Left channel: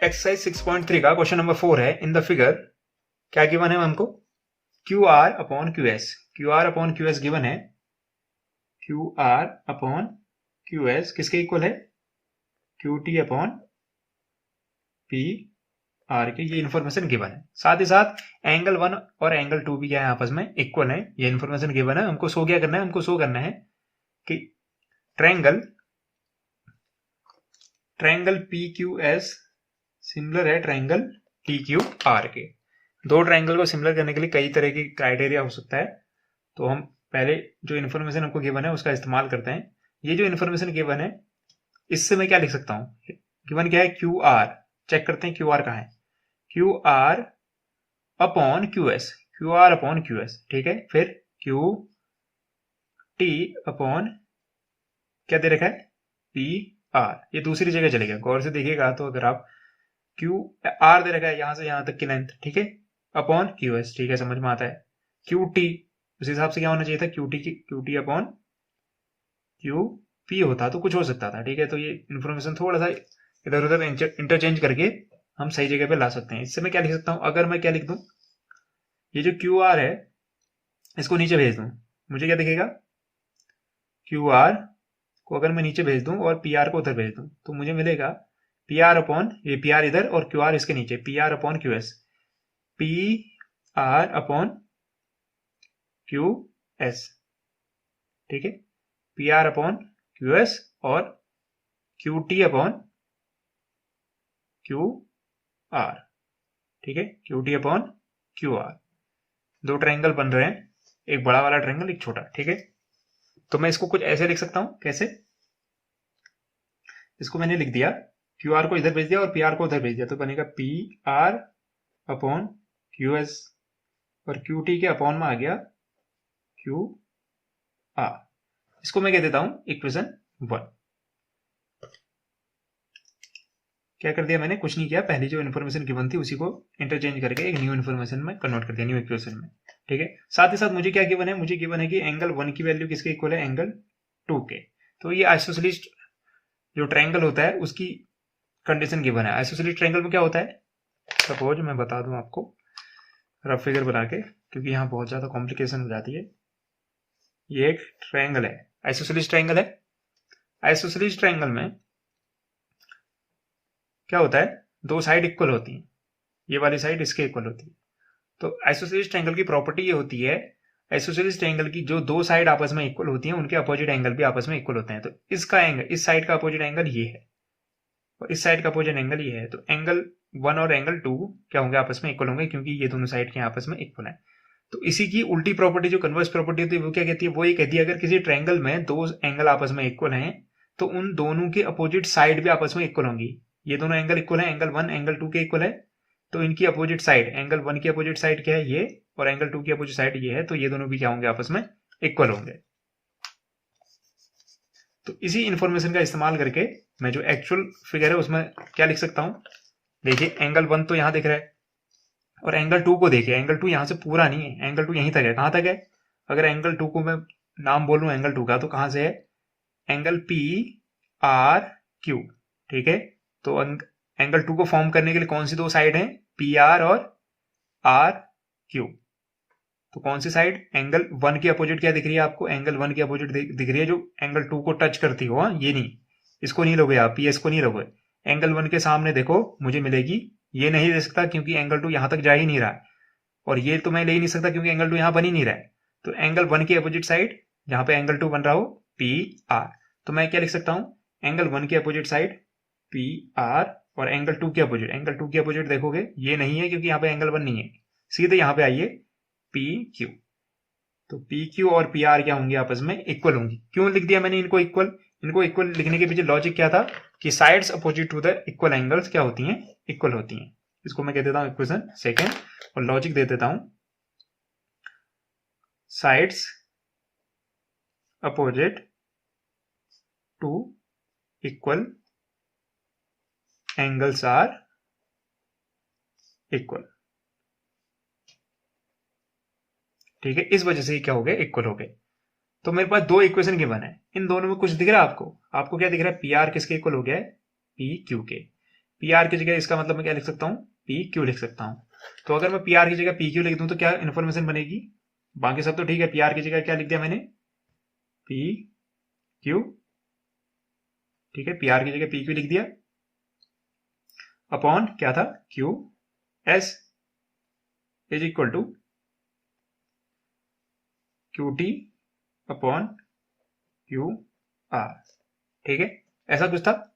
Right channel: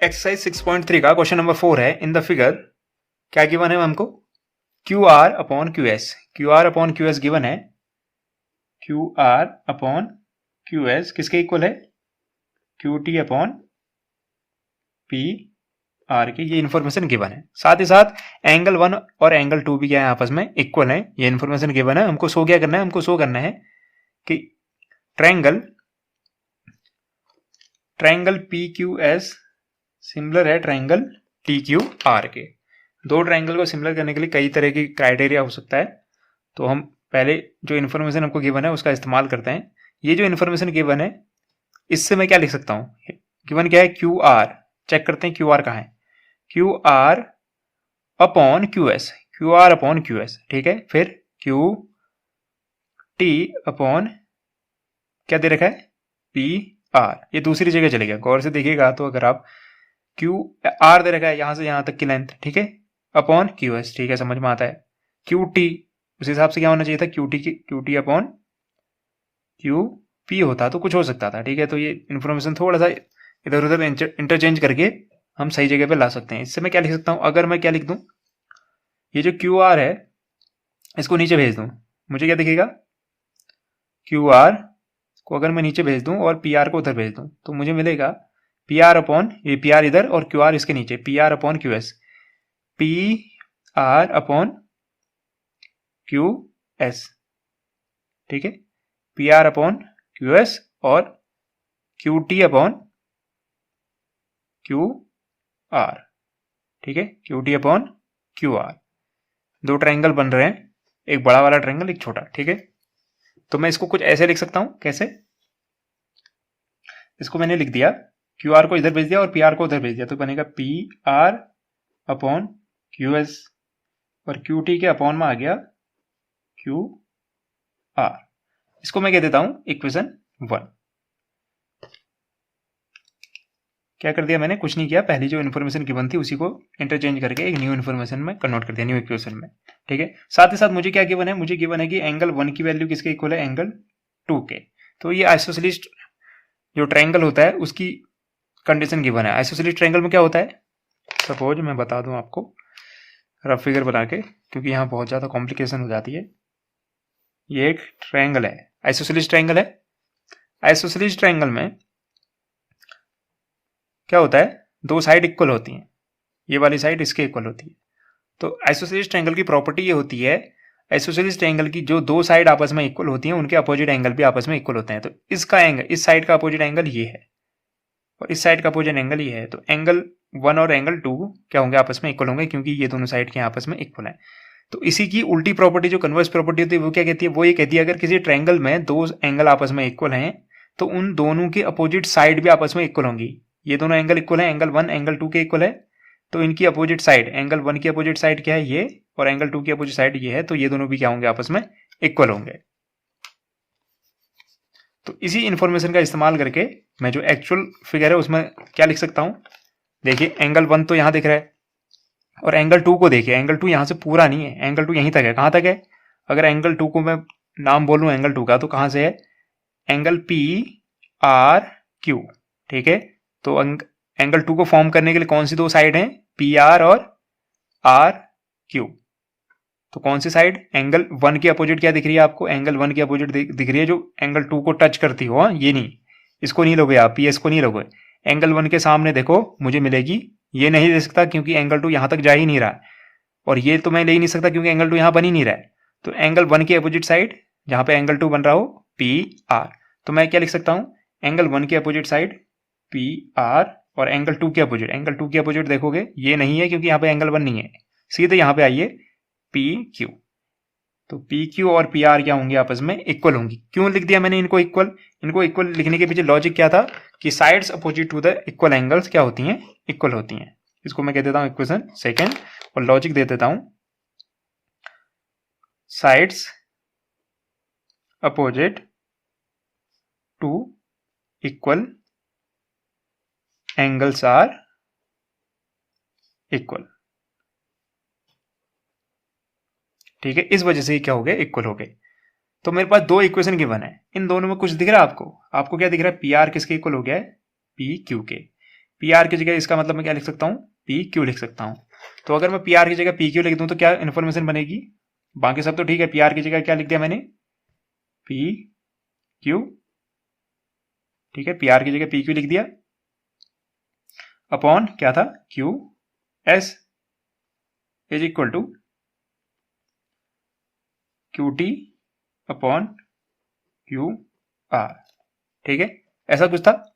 Exercise 6.3 का question number 4 है। In the figure क्या गिवन है हमको? Q R upon Q S. Q R upon Q S given है। Q R upon Q S किसके equal है? Q T upon P R के। ये इन्फॉर्मेशन गिवन है। साथ ही साथ एंगल 1 और एंगल 2 भी क्या है, आपस में इक्वल है। ये इन्फॉर्मेशन गिवन है। हमको शो क्या करना है? हमको शो करना है कि triangle P Q S similar है ट्रायंगल टी क्यू आर के। दो ट्रायंगल को सिमिलर करने के लिए कई तरह की क्राइटेरिया हो सकता है। तो हम पहले जो इन्फॉर्मेशन हमको गिवन है उसका इस्तेमाल करते हैं। ये जो इन्फॉर्मेशन गिवन है इससे मैं क्या लिख सकता हूँ? गिवन क्या है? Q are. चेक करते हैं क्यू आर कहाँ है। Q R upon Q S. Q R upon Q S, ठीक है। फिर क्यू टी अपॉन क्या दे रखा है? P are. ये दूसरी जगह चलेगा, गौर से देखिएगा। तो अगर आप क्यू आर दे रखा है यहां से यहां तक की लेंथ, ठीक है, अपॉन क्यू एस, ठीक है, समझ में आता है। क्यू टी उस हिसाब से क्या होना चाहिए था? Q T upon Q P होता तो कुछ हो सकता था, ठीक है। तो ये इन्फॉर्मेशन थोड़ा सा इधर उधर इंटरचेंज करके हम सही जगह पे ला सकते हैं। इससे मैं क्या लिख सकता हूँ? अगर मैं क्या लिख दूं, ये जो क्यू आर है इसको नीचे भेज दूं, मुझे क्या दिखेगा? क्यू आर को अगर मैं नीचे भेज दूं और पी आर को उधर भेज दूं तो मुझे मिलेगा पी आर अपॉन, ये पी आर इधर और क्यू आर इसके नीचे, P R upon Q S. P R upon Q S, ठीक है। P R upon Q S और Q T upon Q R, ठीक है। Q T upon Q R. दो ट्रायंगल बन रहे हैं, एक बड़ा वाला ट्रायंगल, एक छोटा, ठीक है। तो मैं इसको कुछ ऐसे लिख सकता हूं। कैसे? इसको मैंने लिख दिया, क्यू आर को इधर भेज दिया और पी आर को उधर भेज दिया, तो बनेगा P R upon Q S और क्यू टी के अपॉन में आ गया क्यू आर। इसको मैं कह देता हूं इक्वेशन 1। क्या कर दिया मैंने? कुछ नहीं किया। पहली जो इन्फॉर्मेशन गिवन थी उसी को इंटरचेंज करके एक न्यू इन्फॉर्मेशन में कन्वर्ट कर दिया, न्यू इक्वेशन में, ठीक है। साथ ही साथ मुझे क्या गिवन है? मुझे गिवन है कि एंगल 1 की वैल्यू किसके इक्वल है? एंगल 2 के। तो ये आइसोसेलेस जो ट्रायंगल होता है उसकी कंडीशन गिवन है। आइसोसेलेस ट्रायंगल में क्या होता है? सपोज मैं बता दूं आपको रफ फिगर बना के, क्योंकि यहाँ बहुत ज़्यादा कॉम्प्लिकेशन हो जाती है। ये एक ट्रायंगल है, आइसोसेलेस ट्रायंगल है। आइसोसेलेस ट्रायंगल में क्या होता है? दो साइड इक्वल होती हैं, ये वाली साइड इसके इक्वल होती है। तो आइसोसेलेस ट्रायंगल की प्रॉपर्टी ये होती है, आइसोसेलेस ट्रायंगल की जो दो साइड आपस में इक्वल होती हैं उनके अपोजिट एंगल भी आपस में इक्वल होते हैं। तो इसका एंगल, इस साइड का अपोजिट एंगल ये है और इस साइड का अपोजिट एंगल ये है। तो एंगल 1 और एंगल 2 क्या होंगे? आपस में इक्वल होंगे, क्योंकि ये दोनों साइड के आपस में इक्वल है। तो इसी की उल्टी प्रॉपर्टी जो कन्वर्स प्रॉपर्टी होती है वो क्या कहती है? वो ये कहती है अगर किसी ट्रायंगल में दो एंगल आपस में इक्वल हैं तो उन दोनों के अपोजिट साइड भी आपस में इक्वल होंगी। ये दोनों एंगल इक्वल है, एंगल 1 एंगल 2 के इक्वल है, तो इनकी अपोजिट साइड, एंगल 1 की अपोजिट साइड क्या है? ये, और एंगल 2 की अपोजिट साइड ये है, तो ये दोनों भी क्या होंगे? आपस में इक्वल होंगे। तो इसी इंफॉर्मेशन का इस्तेमाल करके मैं जो एक्चुअल फिगर है उसमें क्या लिख सकता हूं? देखिए एंगल 1 तो यहां दिख रहा है और एंगल 2 को देखिए, एंगल 2 यहां से पूरा नहीं है, एंगल 2 यहीं तक है। कहां तक है? अगर एंगल 2 को मैं नाम बोलूं एंगल 2 का, तो कहां से है? एंगल पी आर क्यू, ठीक है। तो एंगल 2 को फॉर्म करने के लिए कौन सी दो साइड हैं? पी आर और आर क्यू। तो कौन सी साइड? एंगल 1 की अपोजिट क्या दिख रही है आपको? एंगल 1 की अपोजिट दिख रही है जो एंगल 2 को टच करती हो। ये नहीं, इसको नहीं लोगे आप, पी एस को नहीं लोगे। एंगल 1 के सामने देखो मुझे मिलेगी, ये नहीं दे सकता क्योंकि एंगल 2 यहां तक जा ही नहीं रहा है, और ये तो मैं ले ही नहीं सकता क्योंकि एंगल 2 यहां बन ही नहीं रहा है। तो एंगल 1 की अपोजिट साइड जहां पे एंगल 2 बन रहा हो, पी आर। तो मैं क्या लिख सकता हूं? एंगल 1 की अपोजिट साइड पी आर और एंगल 2 की अपोजिट, एंगल 2 की अपोजिट देखोगे ये नहीं है क्योंकि यहाँ पे एंगल 1 नहीं है, सीधे यहाँ पे आइए पी क्यू। तो पी क्यू और पी आर क्या होंगे? आपस में इक्वल होंगी। क्यों लिख दिया मैंने इनको इक्वल? इनको इक्वल लिखने के पीछे लॉजिक क्या था कि sides opposite to the equal angles क्या होती हैं? इक्वल होती हैं। इसको मैं कह देता हूं इक्वेशन सेकेंड और लॉजिक दे देता हूं sides opposite to equal angles are equal, ठीक है। इस वजह से क्या हो गए? इक्वल हो गए। तो मेरे पास दो इक्वेशन गिवन है, इन दोनों में कुछ दिख रहा है आपको? आपको क्या दिख रहा है? पी आर किसके इक्वल हो गया है? पी क्यू के। पी आर की जगह इसका मतलब मैं क्या लिख सकता हूँ, पी क्यू लिख सकता हूँ। तो अगर मैं पी आर की जगह पी क्यू लिख दूँ तो क्या इन्फॉर्मेशन बनेगी, बाकी सब तो ठीक है, पी आर की जगह क्या लिख दिया मैंने, पी क्यू, ठीक है, पी आर की जगह पी क्यू लिख दिया, अपॉन क्या था, Q S is equal to Q T upon Q R, ठीक है, ऐसा कुछ था।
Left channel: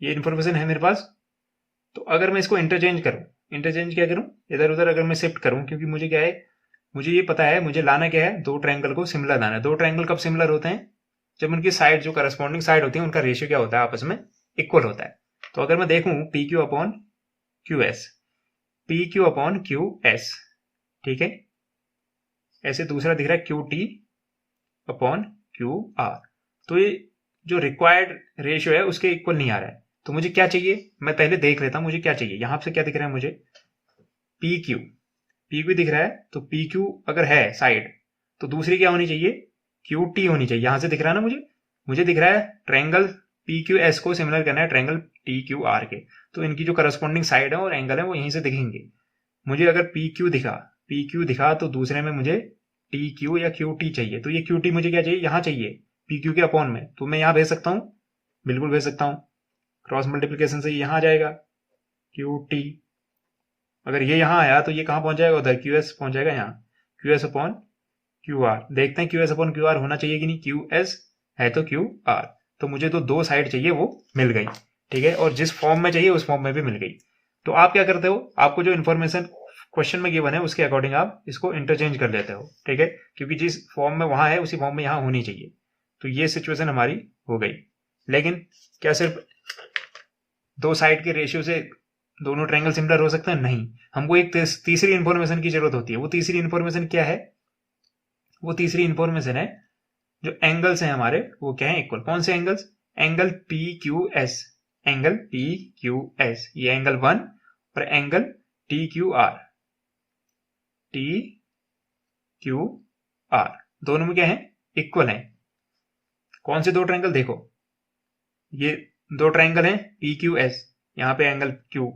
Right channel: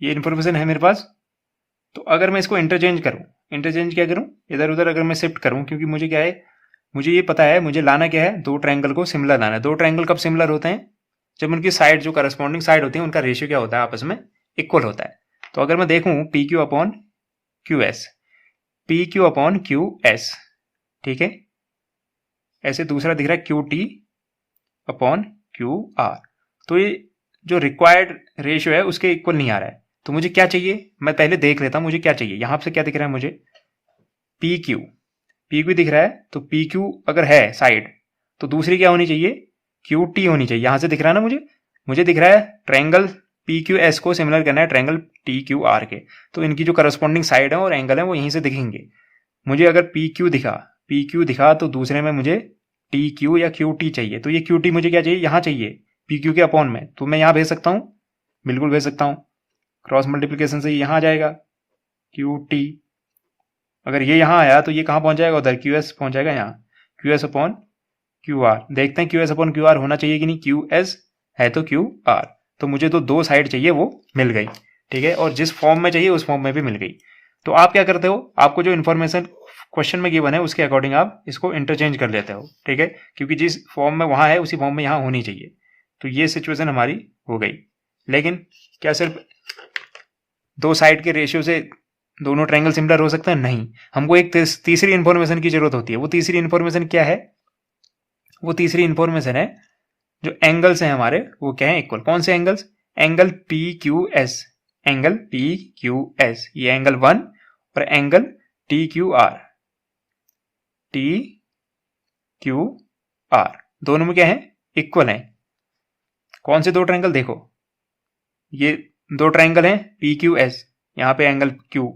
ये इन्फॉर्मेशन है मेरे पास। तो अगर मैं इसको इंटरचेंज करूं, इंटरचेंज क्या करूं, इधर उधर अगर मैं शिफ्ट करूं, क्योंकि मुझे क्या है, मुझे ये पता है मुझे लाना क्या है, दो ट्रायंगल को सिमिलर लाना है। दो ट्रायंगल कब सिमिलर होते हैं, जब उनकी साइड जो करस्पॉन्डिंग साइड होती है उनका रेशियो क्या होता है, आपस में इक्वल होता है। तो अगर मैं देखूं P Q upon Q S, P Q upon Q S, ठीक है, ऐसे दूसरा दिख रहा है Q T upon Q are, तो ये जो रिक्वायर्ड रेशियो है उसके इक्वल नहीं आ रहा है। तो मुझे क्या चाहिए, मैं पहले देख लेता हूं मुझे क्या चाहिए। यहां से क्या दिख रहा है मुझे, पी क्यू, पी क्यू दिख रहा है, तो पी क्यू अगर है साइड तो दूसरी क्या होनी चाहिए, क्यू टी होनी चाहिए। यहां से दिख रहा है ना मुझे दिख रहा है ट्रायंगल पी क्यू एस को सिमिलर करना है ट्रायंगल टी क्यू आर के, तो इनकी जो करस्पॉन्डिंग साइड है और एंगल है वो यहीं से दिखेंगे। मुझे अगर पी क्यू दिखा तो दूसरे में मुझे टी क्यू या क्यू टी चाहिए। तो ये क्यू टी मुझे क्या चाहिए, यहाँ चाहिए पी क्यू के अपॉन में, तो मैं यहाँ भेज सकता हूँ, बिल्कुल भेज सकता हूँ, क्रॉस मल्टीप्लीकेशन से यहाँ आ जाएगा क्यू टी। अगर ये यहाँ आया तो ये कहाँ पहुंच जाएगा, उधर क्यू एस पहुंच जाएगा, यहाँ Q S upon Q are. देखते हैं Q S upon Q are होना चाहिए कि नहीं, क्यू एस है तो क्यू आर, तो मुझे तो दो साइड चाहिए वो मिल गई, ठीक है, और जिस फॉर्म में चाहिए उस फॉर्म में भी मिल गई। तो आप क्या करते हो, आपको जो इन्फॉर्मेशन क्वेश्चन में गिवन है उसके अकॉर्डिंग आप इसको इंटरचेंज कर लेते हो, ठीक है, क्योंकि जिस फॉर्म में वहां है उसी फॉर्म में यहाँ होनी चाहिए। तो ये सिचुएशन हमारी हो गई। लेकिन क्या सिर्फ दो साइड के रेशियो से दोनों ट्रायंगल सिमिलर हो सकते हैं, नहीं, हमको एक तीसरी इंफॉर्मेशन की जरूरत होती है। वो तीसरी इंफॉर्मेशन क्या है, वो तीसरी इंफॉर्मेशन है जो एंगल्स हैं हमारे वो क्या है, इक्वल। कौन से angles, angle P Q S, angle P Q S, ये एंगल 1 और angle T Q are, T Q are दोनों में क्या है, इक्वल है। कौन से दो ट्रायंगल, देखो ये दो ट्रायंगल हैं पी क्यू एस, यहाँ पे angle Q,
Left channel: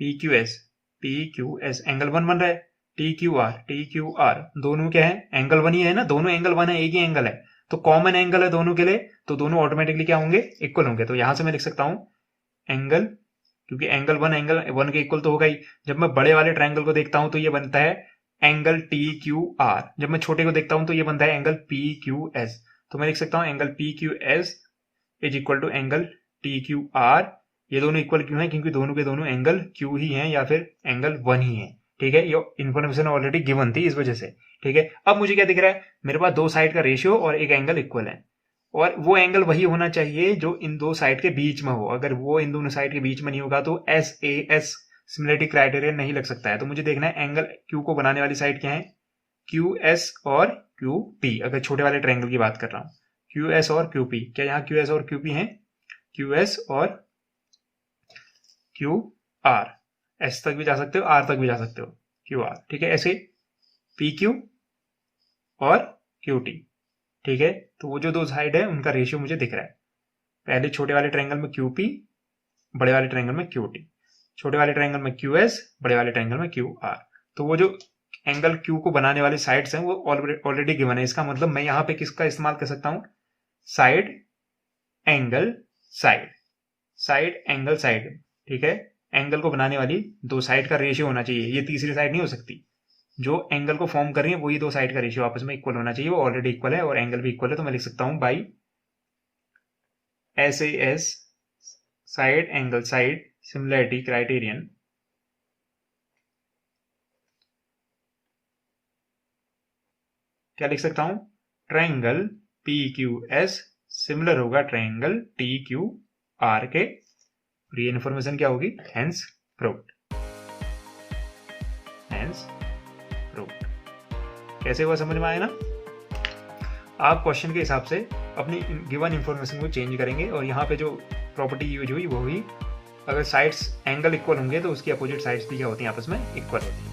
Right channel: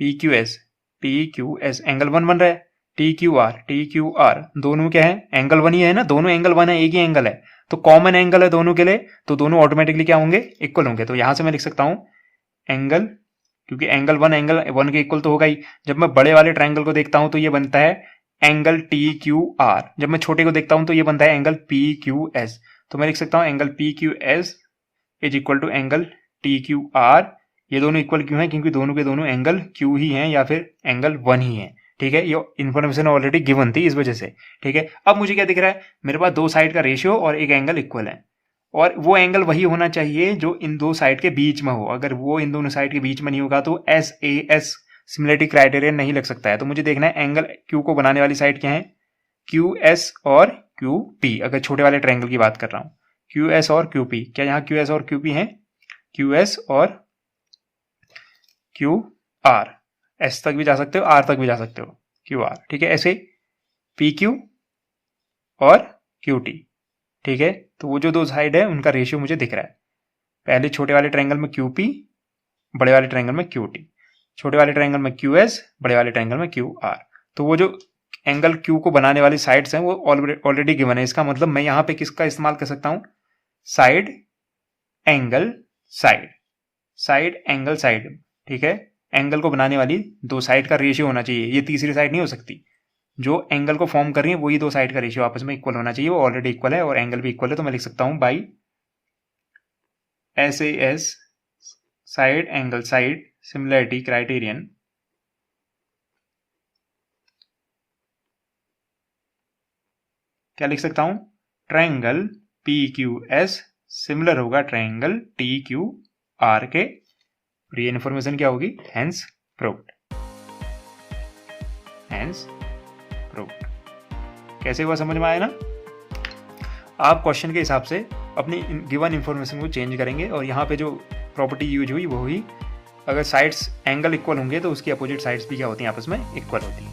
P Q S angle 1 बन रहा है, टी क्यू आर दोनों क्या है, एंगल 1 ही है ना, दोनों एंगल 1 है, एक ही एंगल है, तो कॉमन एंगल है दोनों के लिए, तो दोनों ऑटोमेटिकली क्या होंगे, इक्वल होंगे। तो यहां से मैं लिख सकता हूं एंगल, क्योंकि एंगल 1 के इक्वल तो होगा ही। जब मैं बड़े वाले ट्रायंगल को देखता हूं तो ये बनता है एंगल टी क्यू आर, जब मैं छोटे को देखता हूं तो ये बनता है एंगल पी क्यू एस। तो मैं लिख सकता हूं angle P Q S is equal to angle T Q R. ये दोनों इक्वल क्यों है, क्योंकि दोनों के दोनों एंगल क्यू ही हैं या फिर एंगल 1 ही है, ठीक है, ये इन्फॉर्मेशन ऑलरेडी गिवन थी इस वजह से, ठीक है। अब मुझे क्या दिख रहा है, मेरे पास दो साइड का रेशियो और एक एंगल इक्वल है, और वो एंगल वही होना चाहिए जो इन दो साइड के बीच में हो। अगर वो इन दोनों साइड के बीच में नहीं होगा तो S A S similarity criterion नहीं लग सकता है। तो मुझे देखना है एंगल क्यू को बनाने वाली साइड क्या है, क्यू एस और क्यू पी। अगर छोटे वाले ट्रायंगल की बात कर रहा हूं, क्यू एस और क्यू पी, क्या यहाँ क्यू एस और क्यू पी है, क्यू एस और क्यू आर, एस तक भी जा सकते हो, आर तक भी जा सकते हो, क्यू आर, ठीक है, ऐसे पी क्यू और क्यू टी, ठीक है। तो वो जो दो साइड है उनका रेशियो मुझे दिख रहा है, पहले छोटे वाले ट्रायंगल में क्यू पी, बड़े वाले ट्रायंगल में क्यू टी, छोटे वाले ट्रायंगल में क्यू एस, बड़े वाले ट्रायंगल में क्यू आर। तो वो जो एंगल क्यू को बनाने वाली साइड्स हैं वो ऑलरेडी गिवन है। इसका मतलब मैं यहाँ पे किसका इस्तेमाल कर सकता हूँ, side angle side, side angle side, ठीक है। एंगल को बनाने वाली दो साइड का रेशियो होना चाहिए, ये तीसरी साइड नहीं हो सकती। जो एंगल को फॉर्म कर रही है वही दो साइड का रेशियो आपस में इक्वल होना चाहिए, वो ऑलरेडी इक्वल है और एंगल भी इक्वल है। तो मैं लिख सकता हूं by S A S side angle side similarity criterion क्या लिख सकता हूं, triangle P Q S similar होगा ट्रायंगल टी क्यू आर के। और ये इन्फॉर्मेशन क्या होगी, हेंस प्रूव्ड, हेंस प्रूव्ड। कैसे हुआ समझ में आया ना। आप क्वेश्चन के हिसाब से अपनी गिवन इन्फॉर्मेशन को चेंज करेंगे और यहाँ पे जो प्रॉपर्टी यूज हुई वो हुई, अगर साइड्स एंगल इक्वल होंगे तो उसकी अपोजिट साइड्स भी क्या होती हैं, आपस में इक्वल होती हैं।